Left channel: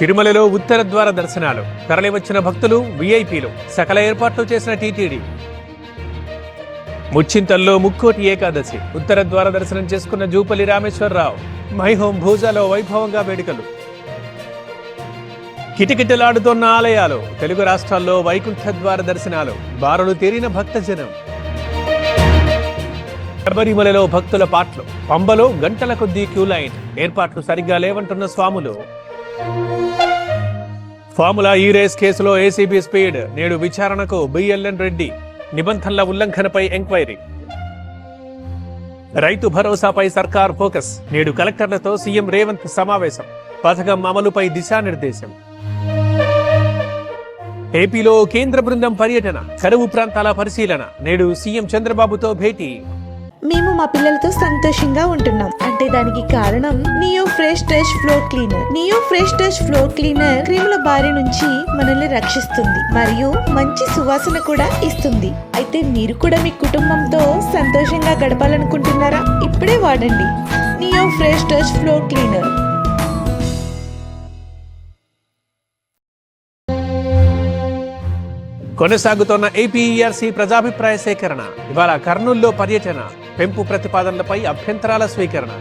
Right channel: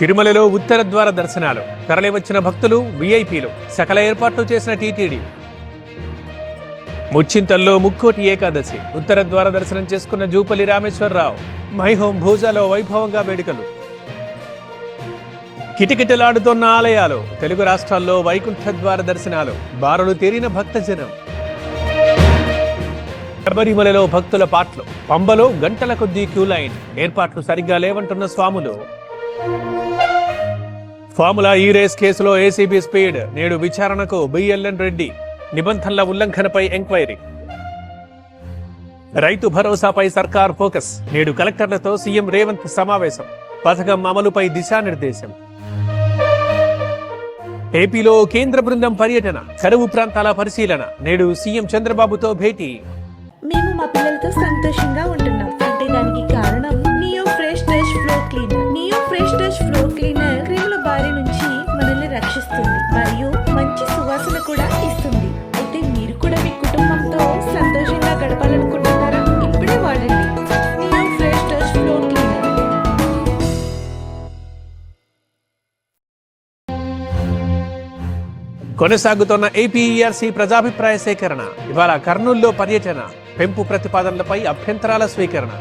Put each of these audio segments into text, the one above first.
తిరుమలలో ఉత్తర ద్వార దర్శనాలు, తరలివచ్చిన భక్తులు, విఐపీలు, సకల ఏర్పాట్లు చేసిన టీటీడీ. ముచ్చింతల్లో ముక్కోటి ఏకాదశి, ఉత్తర ద్వార దర్శనం చేసుకున్న జూపల్లి రామేశ్వరరావు. మైహోం భూజాలో వైభవంగా వేడుకలు. కిటకిటలాడుతున్న ఆలయాలు, తెలుగు రాష్ట్రాల్లో వైకుంఠ ద్వార దర్శనాలు, బారులు తీరిన భక్తజనం. శబరిమలలో భక్తుల పాట్లు, పంబలో గంటల కొద్దీ క్యూ లైన్, ఏర్పాట్లు సరిగ్గా లేవంటున్న స్వాములు. ఫార్ములా ఈ రేస్ కేసులో ఏసీబీ స్పీడ్, నేడు విచారణకు బిఎల్ఎన్ రెడ్డి. నిబంధనల ఉల్లంఘనపై ఎంక్వైరీ. రైతు భరోసాపై సర్కార్ ఫోకస్, నేడు కలెక్టర్లతో సీఎం రేవంత్ సమావేశం. పథకం అమలుపై దిశానిర్దేశం. ఏపీలో కేంద్ర బృందం పర్యటన, కరువు ప్రాంతాల పరిశీలన, నేడు సీఎం చంద్రబాబుతో భేటీ. మేము మా పిల్లలతో సంతోషంగా ఉంటున్నాం అంటే దానికి కారణం Neo Fresh Dash floor cleaner. Neo Fresh Dash floor cleaner క్రిముల బారి నుంచి మనల్ని రక్షిస్తుంది మరియు మంచి సువాసన కూడా ఇస్తుంది. అయితే మీరు కూడా మీ కుటుంబంతో సంతోషంగా గడపాలనుకుంటున్నారా? ఇప్పుడే వాడండి neo Fresh Dash floor cleaner. కొనసాగుతున్న ఏపీఈఆర్సీ ప్రజాభిప్రాయ సేకరణ. ఇవాళ కర్నూలులో పర్యటన, పెంపు ప్రతిపాదనలపై అభ్యంతరాల స్వీకరణ.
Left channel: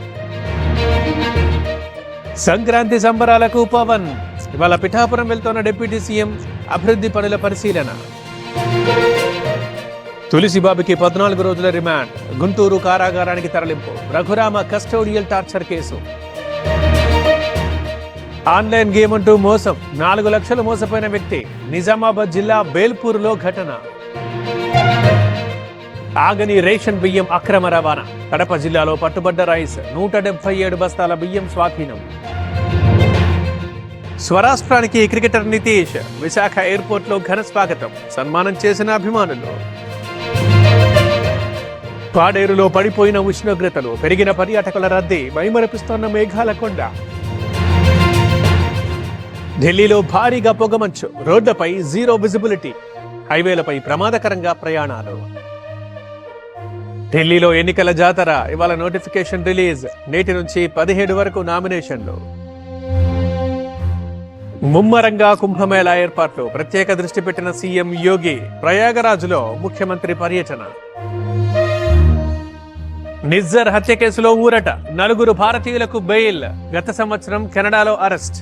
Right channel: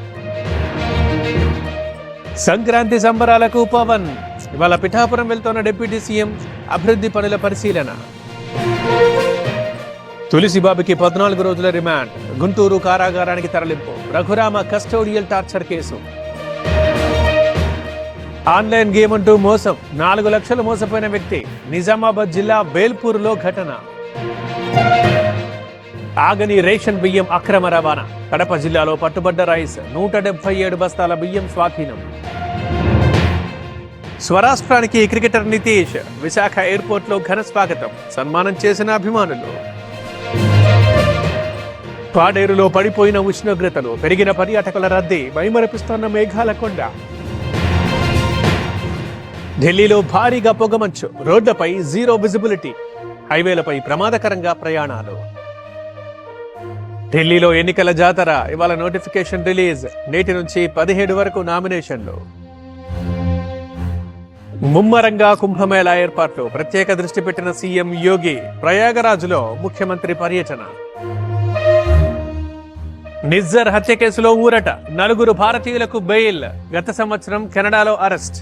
సంక్రాంతి సంబరాలకు పవన్. ఇవాళ పిఠాపురం వెళ్తున్న డిప్యూటీ సీఎం, అభివృద్ధి పనుల పరిశీలన. తులసిబాబుకి 14 రోజుల రిమాండ్, గుంటూరు కారాగారానికి తరలింపు. Raghurama custodial torture case. Online game అంటూ మోసం, 4 లక్షలు మోసపోయిన వ్యక్తి. నిజామాబాద్ జిల్లా బేల్పూర్లో ఘటన. ఆగని రేషన్ బియ్యం అక్రమ రవాణా. కడప జిల్లాలో పట్టుబడ్డ రైస్, 177 బస్తాల బియ్యం స్వాధీనం. స్వరాష్ట్రానికి క్రికెటర్ నితీష్, విశాఖ ఎయిర్పోర్ట్ లో ఘన స్వాగతం, సన్మానం చేసిన అభిమానులు. పాడేరులో పడిపోయిన ఉష్ణోగ్రతలు, పెరిగిన పర్యాటకుల రద్దీ, మైమరపిస్తున్న మేఘాల కొండ. ఢిల్లీలో భారీగా పొగమంచు, రోడ్లపై జీరో విజిబిలిటీ, హైవేలపై ప్రమాదకరంగా ప్రయాణాలు. ఢిల్లీలో ఎన్నికల జాతర, ఇవాళ నోటిఫికేషన్ రిలీజ్. నేటి నుంచి 17 వరకు నామినేషన్లు. ముమ్మరంగా కుంభమేళా ఏర్పాట్లు, ప్రత్యేక దృష్టి పెట్టిన సీఎం యోగి. ప్రయాగరాజ్లో ముఖ్యమంత్రి పర్యటన. నిజ్జర్ హత్య కేసులో ఊరట, 4 భారతీయులకు బెయిల్. గత సంవత్సరం కెనడాలో అరెస్ట్.